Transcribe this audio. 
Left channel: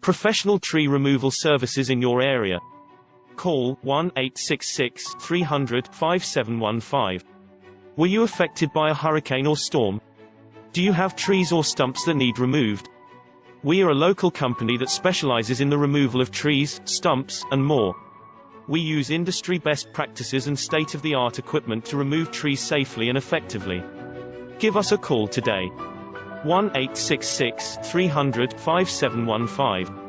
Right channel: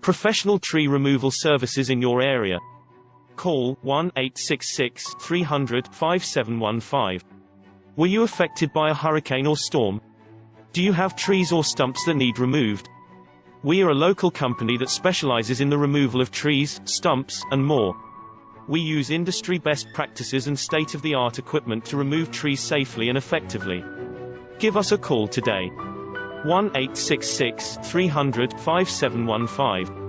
Professional tree removal services in your area. Call 1-866-300-5715. Were you affected by a hurricane or storm? Do you have trees or stumps that need removed? We are a local company that specializes in the removal of trees, stumps, and more. We use industry best practices and state-of-the-art equipment to remove trees safely and effectively. Give us a call today. 1-866-300-5715.